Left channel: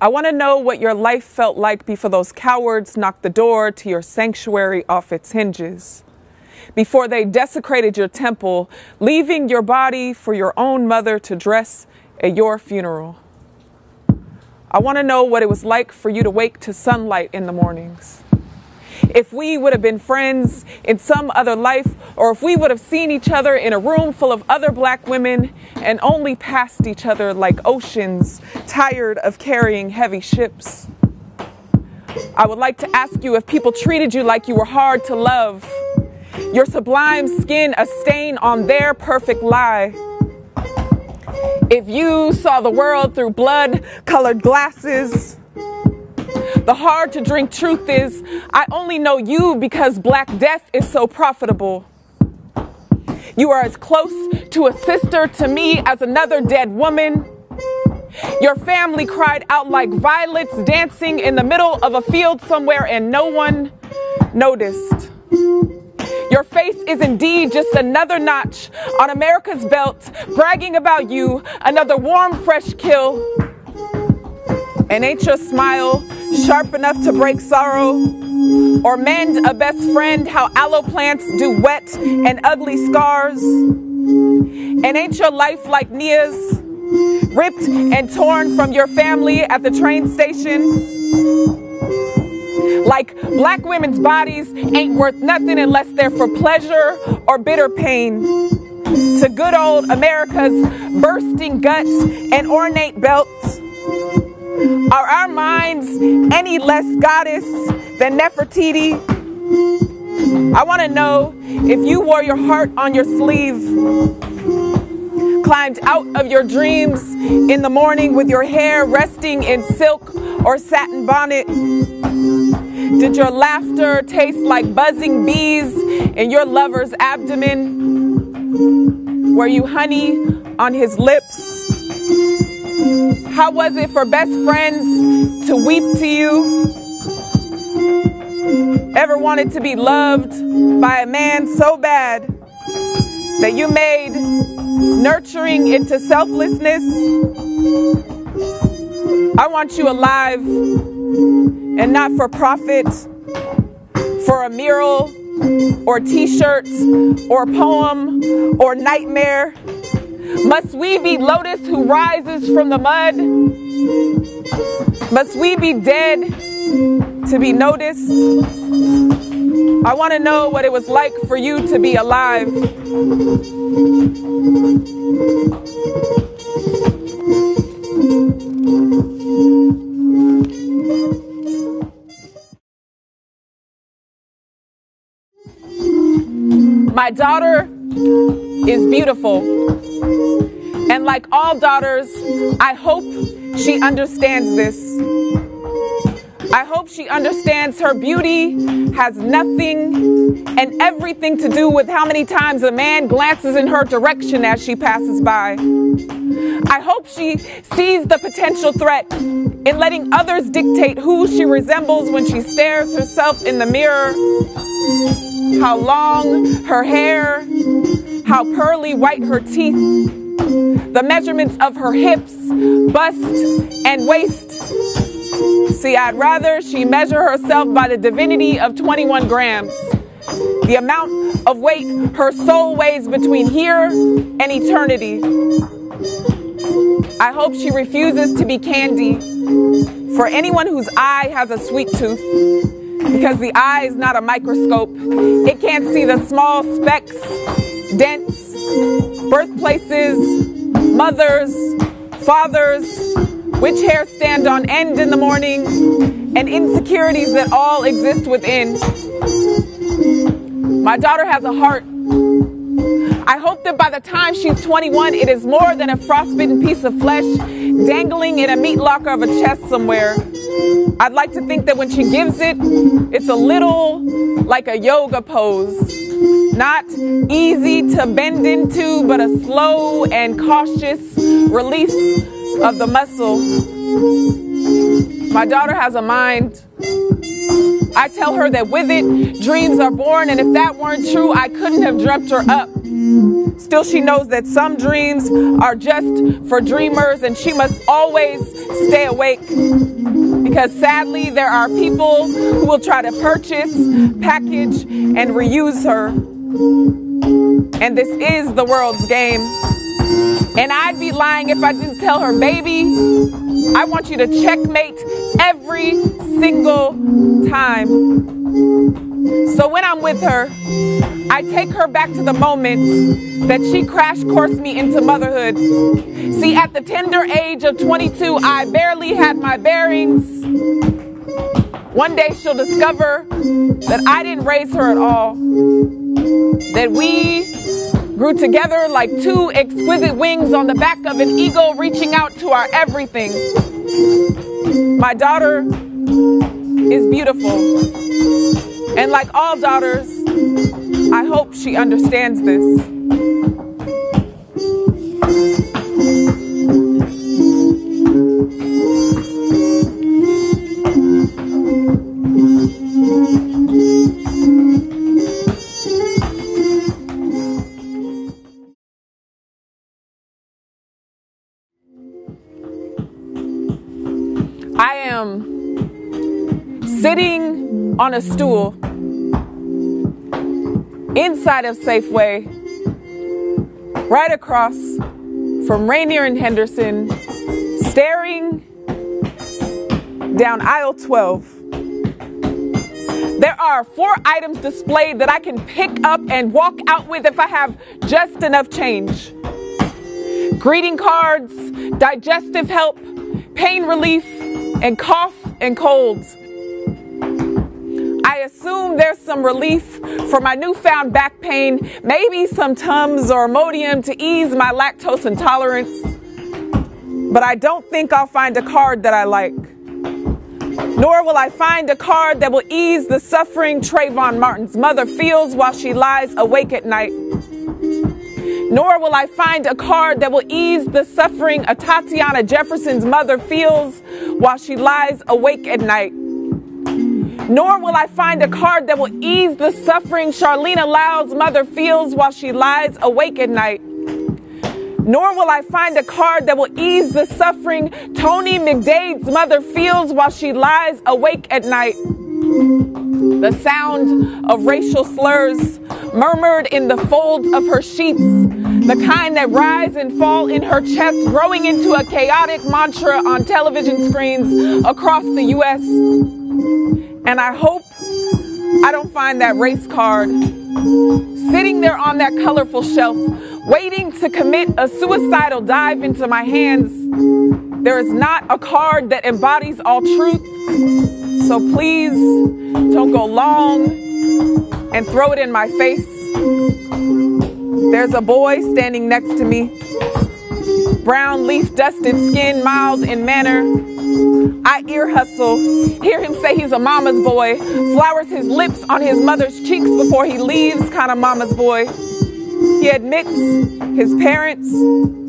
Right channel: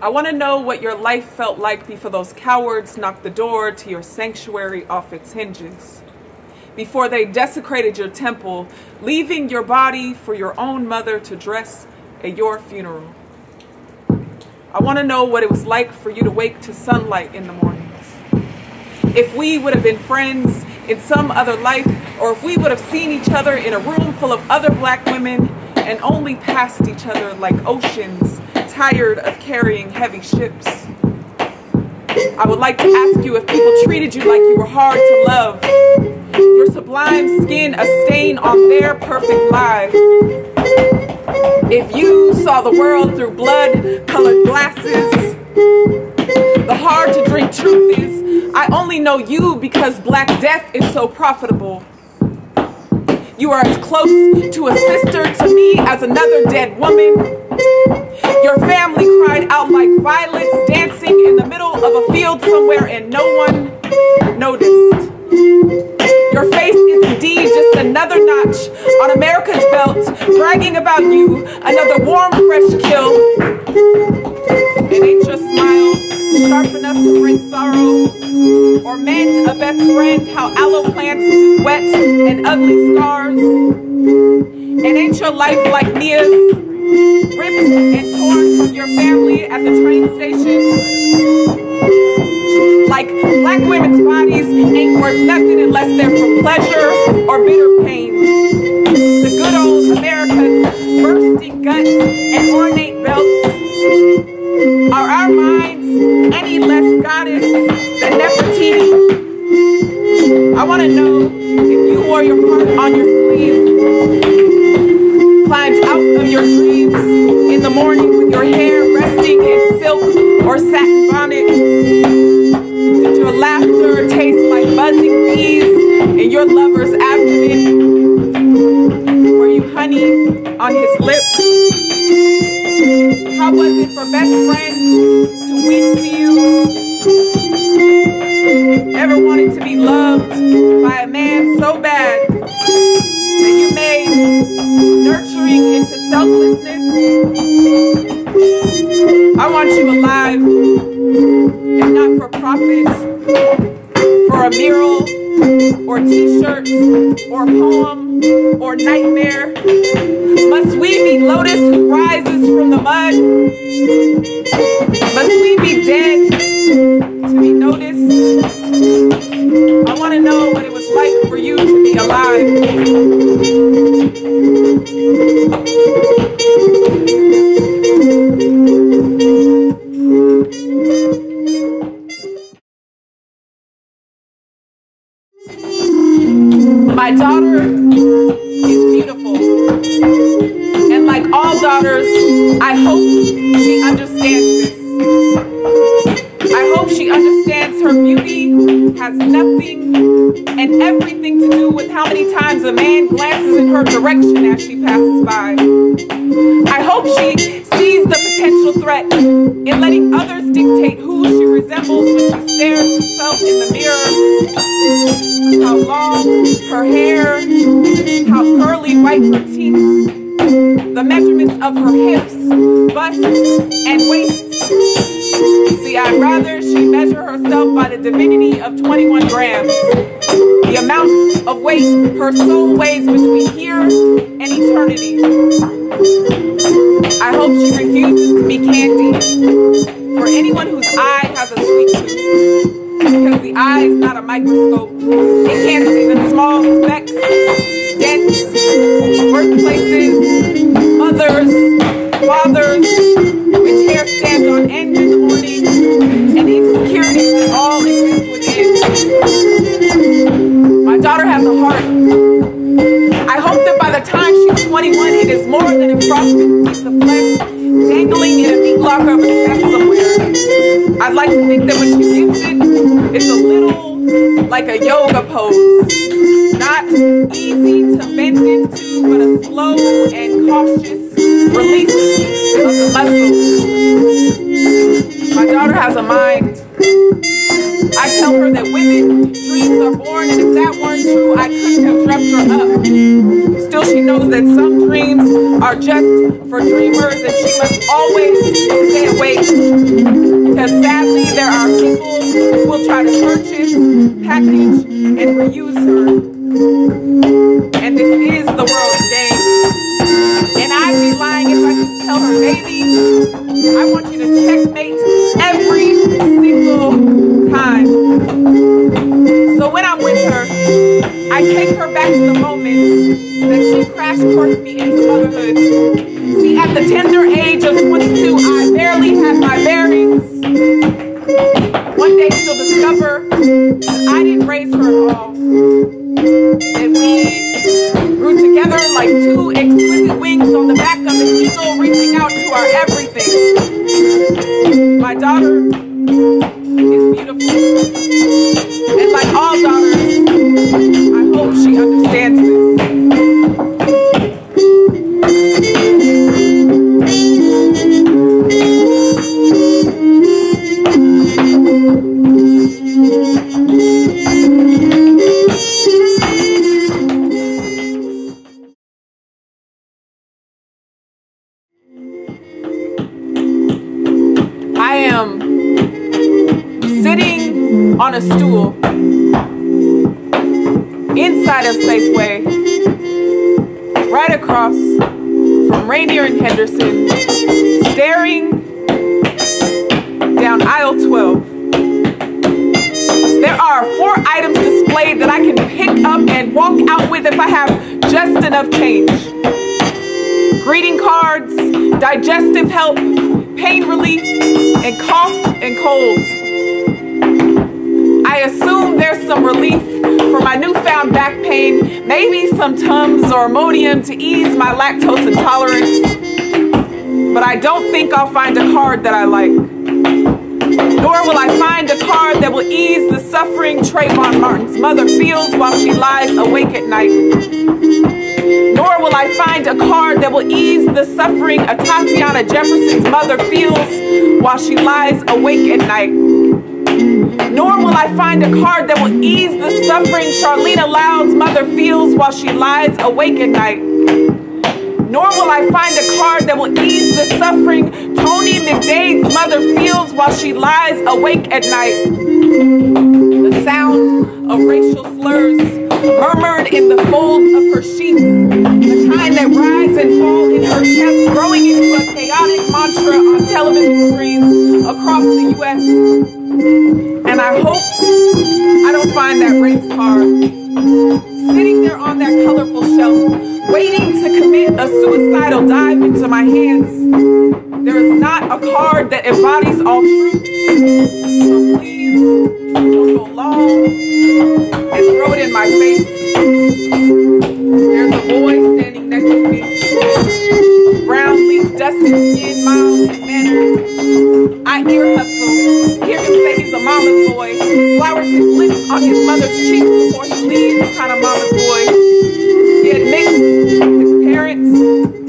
I want to know what your life felt like before those cowards knocked the door to your sanctuary off its hinges. Before they desecrated your temple, leaving your body for your own mother to dress at your funeral. I want to know what it was like for you to wake to sunlight in the mornings. If we would have been friends in some other life, or if we would have seen each other in a room full of other black women and only passed each other like oceans, tired of carrying heavy ships. I would like to ask you if people treated you like you were hard to love, your sublime skin a stain on their perfect lie. If you saw the world through blood-colored glasses, the hard-to-drink truth is, I only know you because Black death is so profitable. You are as close to a sister to me as another dead woman. Your family cried out like violets dancing in the middle of a field somewhere and no one noticed. Your face is indeed just another notch on America's belt, bragging about you, another warm, fresh kill. And ain't your smile sharp enough to break sorrow or mend a best friend how aloe plants do wet and ugly scars? And ain't your life like Mia's, ripped and torn from your family at the train station? Like black women's bodies ain't worth nothing unless they're for pleasure or bitter pain. To good old America's bursting guts and ornate belts, are our minds any less goddess than Nefertiti? I want to know if you wore your heart on your sleeve, climbed out of your dreams in the morning with your hair resting in silk or satin bonnet. Did your laughter taste like buzzing bees in your lover's abdomen? Were you honey on his lips? How was it for best friends to weep to you? Ever wanted to be loved by a man so bad that you made nurturing into selflessness? I want you alive and not for profit, for a mural or t-shirt or poem or nightmare. Must we be lotus who rises from the mud? Must we be dead to be noticed? I want to know what it was like for you to be alive. My daughter is beautiful. And like all daughters, I hope she understands this. I hope she understands her beauty has nothing and everything to do with how many times a man glances in her direction as she passes by. I hope she sees the potential threat in letting others dictate who she resembles when she stares herself in the mirror. How long her hair, how pearly white her teeth, the measurements of her hips, bust, and waist. See, I'd rather she measure herself by the divinity of 21 grams, the amount of weight her soul weighs between here and eternity. I hope she refuses to be candy for anyone whose eye has a sweet tooth. Because the eye is not a microscope. It can't see the small specks, dents, birthplaces, mothers, fathers, which hair stand on end in the morning, and insecurities that all exist within. My daughter has a heart. I hope that by the time she's 21, it is more than a frostbitten piece of flesh dangling in a meat locker of a chest somewhere. I'd like to think that when she gives it, it's a little like a yoga pose. Not easy to bend into, but a slow and cautious release of the muscle. My daughter has a mind. I tell her that with it, dreams are born, and if that weren't true, I couldn't have dreamt her up. Still, she knows that some dreams are just for dreamers, and she must always stay awake. Because sadly, there are people who will try to purchase, package, and reuse her. And this is the world's game. And I'd be lying if I didn't tell her, baby, I want you to checkmate every single time. So when I'm with her, I take her back to the moment that she crash coursed me into motherhood. See, at the tender age of 22, I barely had my bearings. One day she'll discover that I didn't raise her at all. That we grew together like two exquisite wings on the back of an eagle reaching out to our everything. My daughter is beautiful. And like all daughters, I hope she understands this. I am sitting on a stool inside of Safeway, right across from Rainier and Henderson, staring down aisle 12. There are 4 items displayed that I can pick up and walk out with if I have just enough change. Greeting cards, digestive help, pain relief, and cough and colds. I assume there's some relief for my newfound back pain, maybe some Tums or Imodium to ease my lactose intolerance. But I don't think I'll find a card that I like. Nor will I find a card that will ease the suffering Trayvon Martin's mother feels while she lies awake at night. Nor will I find a card that will ease the suffering Tatiana Jefferson's mother feels while she lies awake at night. Nor will I find a card that will ease the suffering Charlena Loud's mother feels while she lies awake at night. Nor will I find a card that will ease the suffering Tony McDade's mother feels while she lies awake at night. The sound of racial slurs murmured in the folds of her sheets, the kind that rise and fall in her chest, growing into a chaotic mantra on television screens across the U.S. And I hope I don't find that race card sitting there on that colorful shelf, waiting to commit a suicidal dive into my hands. There is not a card that embodies all truth, so please don't go long and throw it in my face. There's a boy standing next to me, brown leaf dusted skin, mild in manner. I ear hustle, hear him say he's a mama's boy, flowers his lips on his mother's cheeks before he leaves, kind of mama's boy. He admits his parents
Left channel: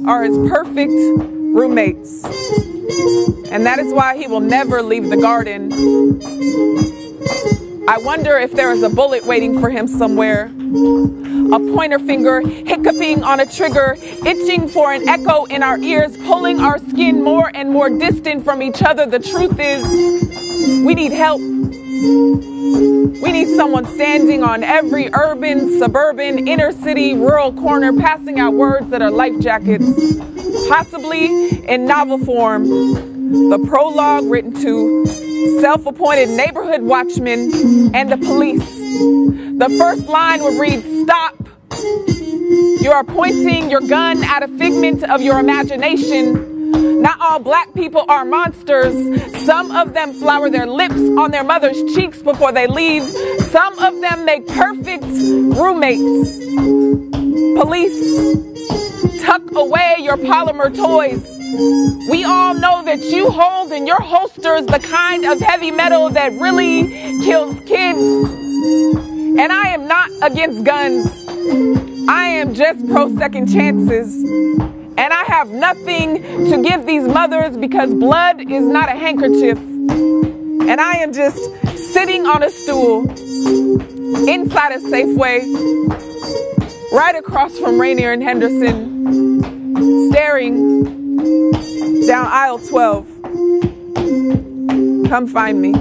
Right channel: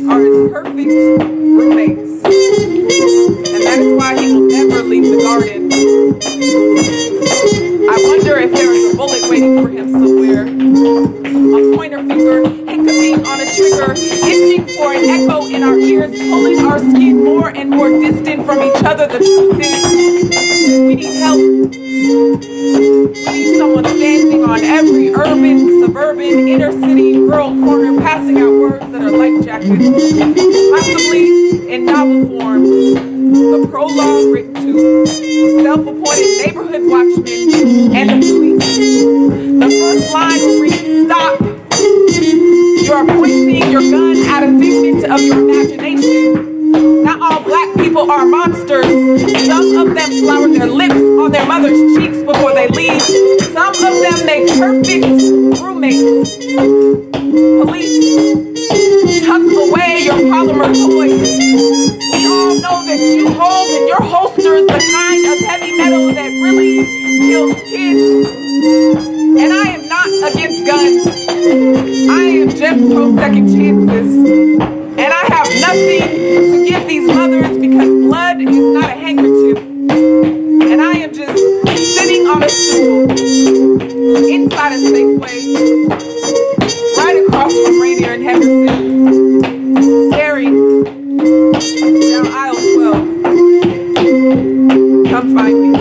are his perfect roommates, and that is why he will never leave the garden. I wonder if there is a bullet waiting for him somewhere. A pointer finger hiccuping on a trigger, itching for an echo in our ears, pulling our skin more and more distant from each other. The truth is, we need help. We need someone standing on every urban, suburban, inner city, rural corner, passing out words that are life jackets, possibly in novel form. The prologue written to self-appointed neighborhood watchmen and the police. The first line would read, "Stop. You are pointing your gun at a figment of your imagination. Not all black people are monsters. Some of them flower their lips on their mother's cheeks before they leave. Some of them make perfect roommates. Police, tuck away your polymer toys. We all know that you hold in your holsters the kind of heavy metal that really kills kids. And I am not against guns. throw second chances. And I have nothing to give these mothers because blood is not a handkerchief. And I am just sitting on a stool inside a Safeway, right across from Rainier and Henderson, staring down aisle 12. Come find me.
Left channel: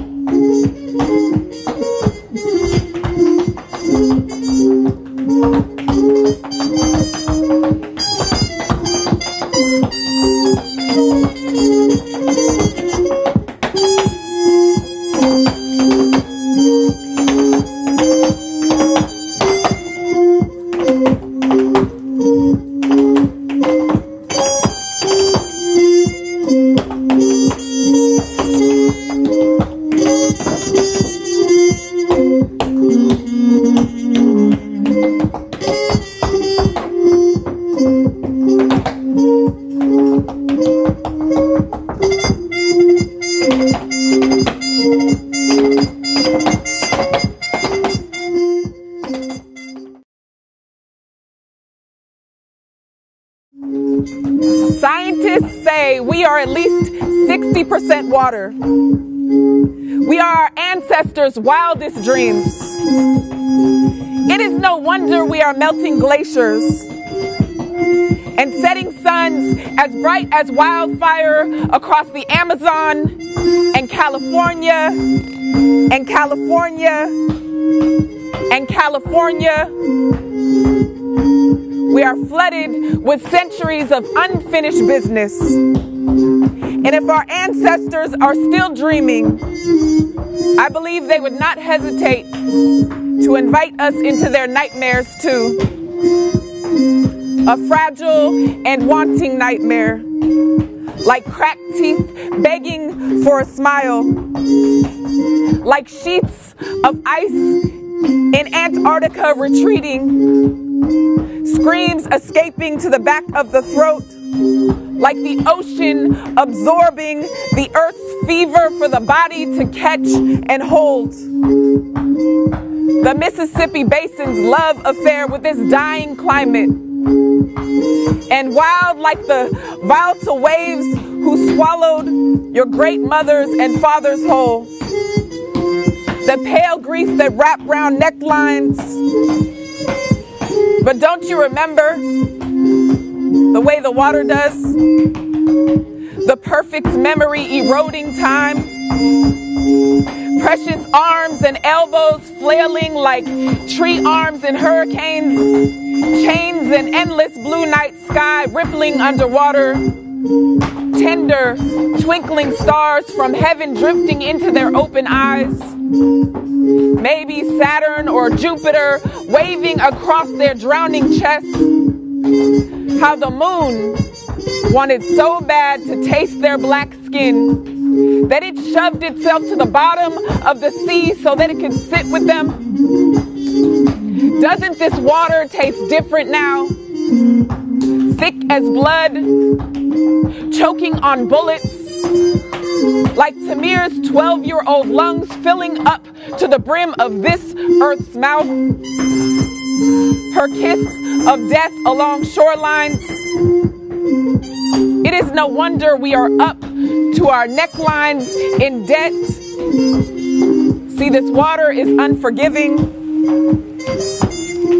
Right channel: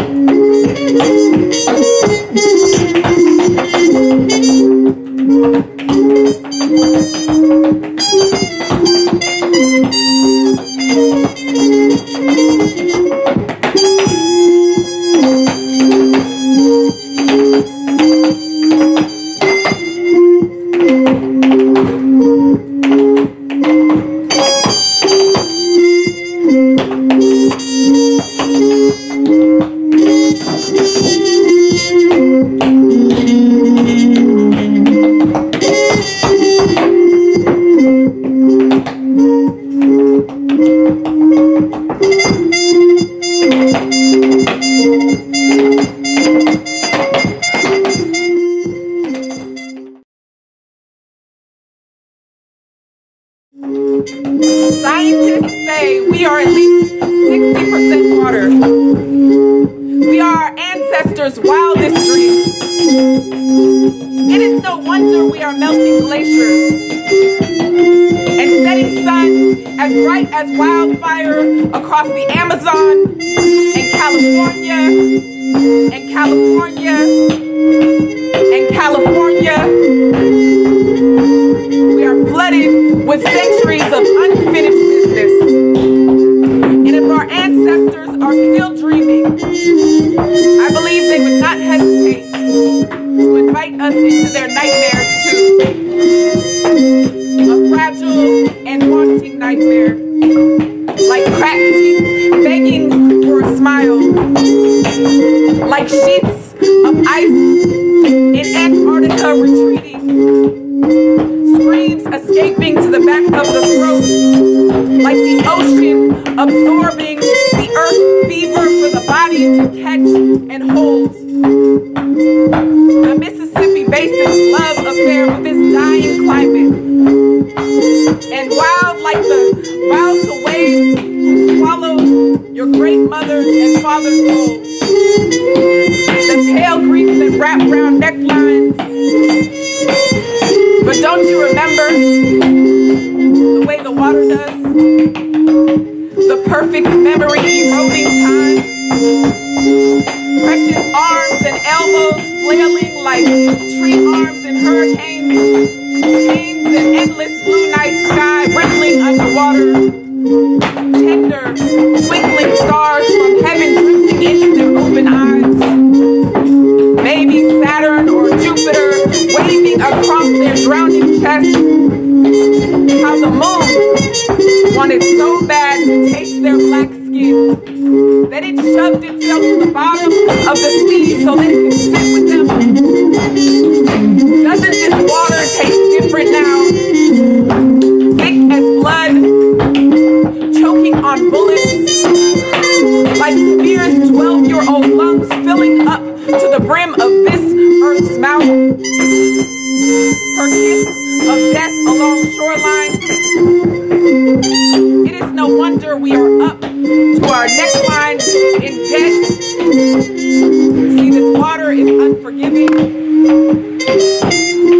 Scientists say we are at least 60% water. We are our ancestors' wildest dreams. It is no wonder we are melting glaciers and setting suns as bright as wildfire across the Amazon and California and California and California. We are flooded with centuries of unfinished business. And if our ancestors are still dreaming, I believe they would not hesitate to invite us into their nightmares too. A fragile and wanting nightmare, like cracked teeth begging for a smile, like sheets of ice in Antarctica retreating, screams escaping to the back of the throat, like the ocean absorbing the earth's fever for the body to catch and hold. The Mississippi Basin's love affair with this dying climate. And wild like the volatile waves who swallow your great mothers and fathers whole. The pale grief that wrap round necklines. But don't you remember the way the water does? The perfect memory eroding time. Precious arms and elbows flailing like tree arms in hurricanes. Chains and endless blue night sky rippling underwater. Tender, twinkling stars from heaven drifting into their open eyes. Maybe Saturn or Jupiter waving across their drowning chests. How the moon wanted so bad to taste their black skin that it shoved itself to the bottom of the sea so that it could sit with them. Doesn't this water taste different now? Thick as blood, choking on bullets, like Tamir's 12-year-old lungs filling up to the brim of this earth's mouth. Her kiss of death along shorelines. It is no wonder we are up to our necklines in debt. See, this water is unforgiving.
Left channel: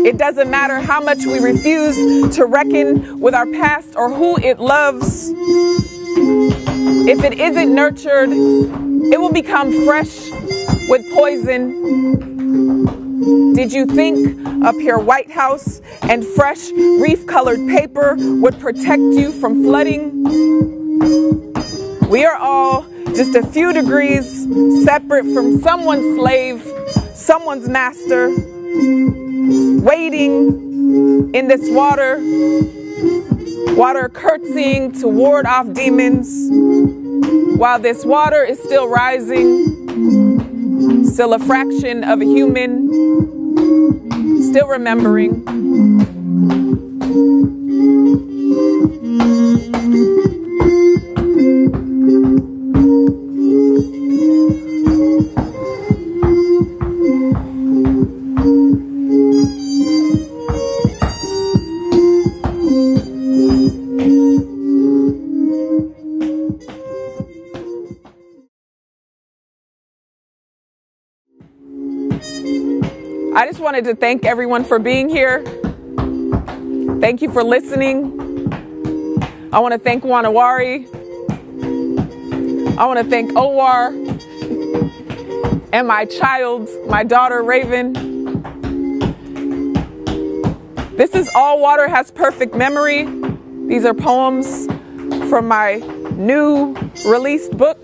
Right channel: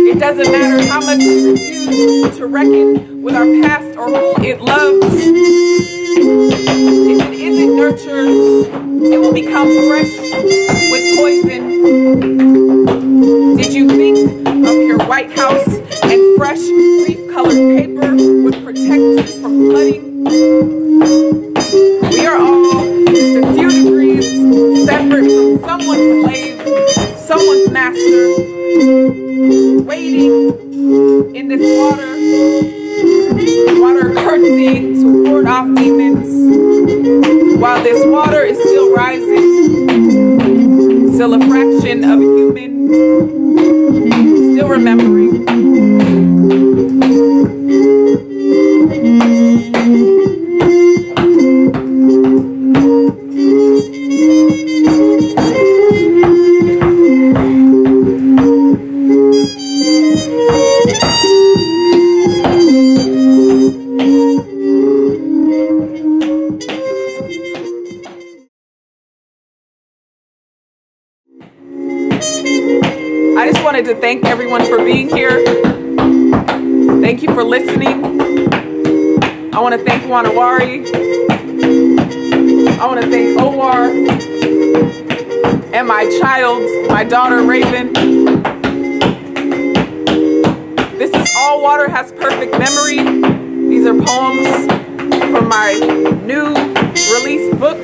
It doesn't matter how much we refuse to reckon with our past or who it loves. If it isn't nurtured, it will become fresh with poison. Did you think a pure White House and fresh reef-colored paper would protect you from flooding? We are all just a few degrees separate from someone's slave, someone's master, waiting in this water curtsying to ward off demons, while this water is still rising, still a fraction of a human, still remembering. I just wanted to thank everyone for being here. Thank you for listening. I want to thank Wari. I want to thank Owuor and my child, my daughter, Raven. This is All Water Has Perfect Memory. These are poems from my new released book.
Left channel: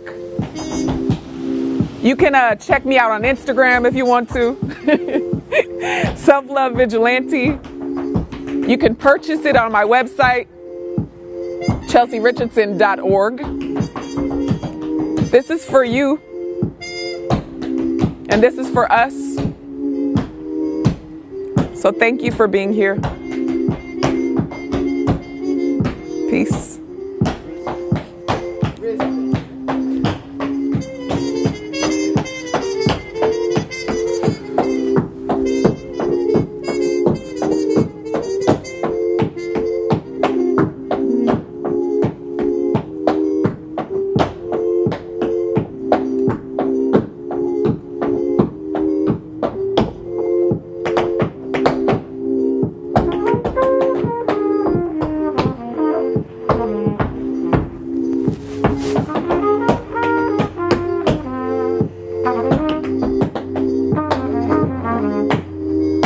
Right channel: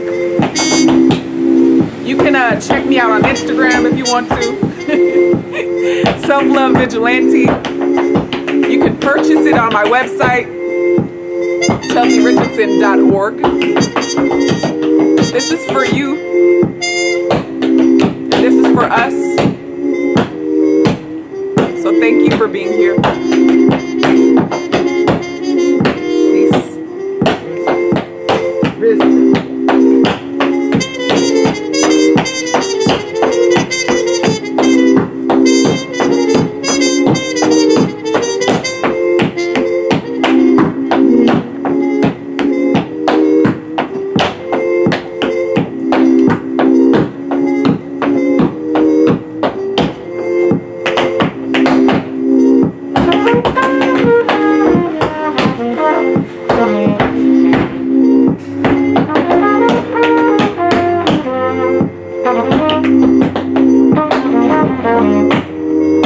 You can check me out on Instagram if you want to. Self-Love Vigilante. You can purchase it on my website, ChelseyRichardson.org. This is for you, and this is for us. So thank you for being here. Peace.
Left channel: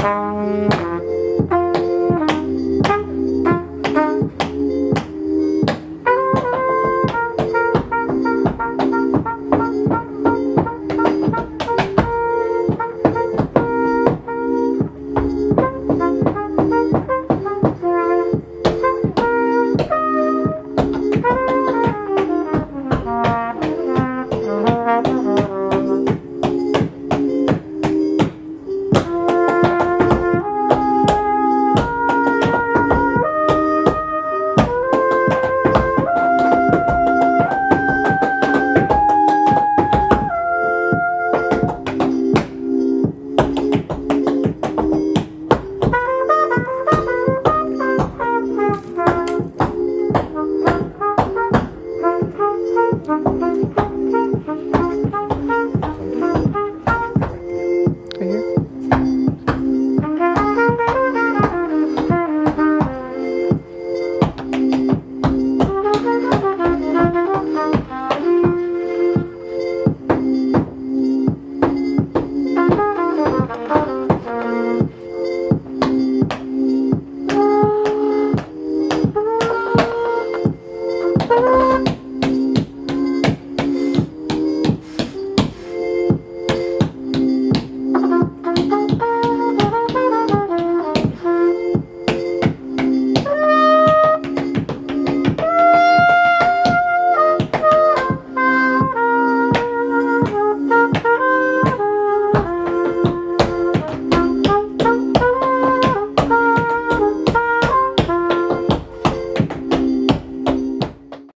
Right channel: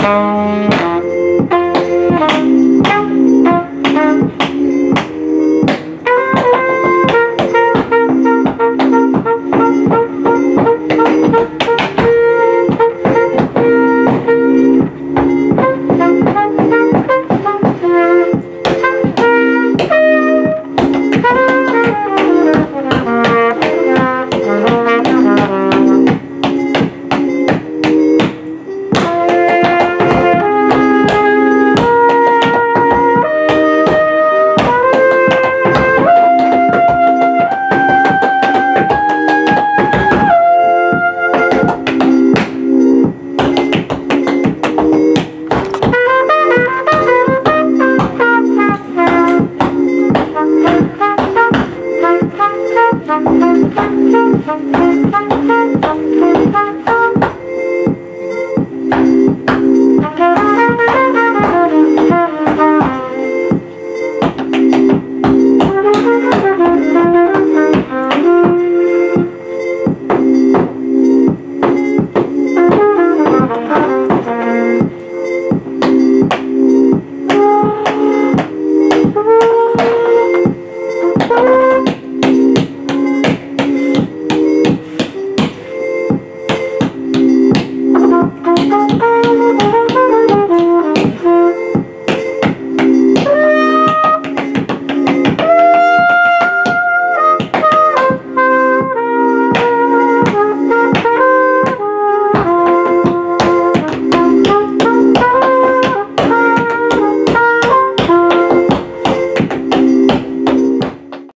Thank you.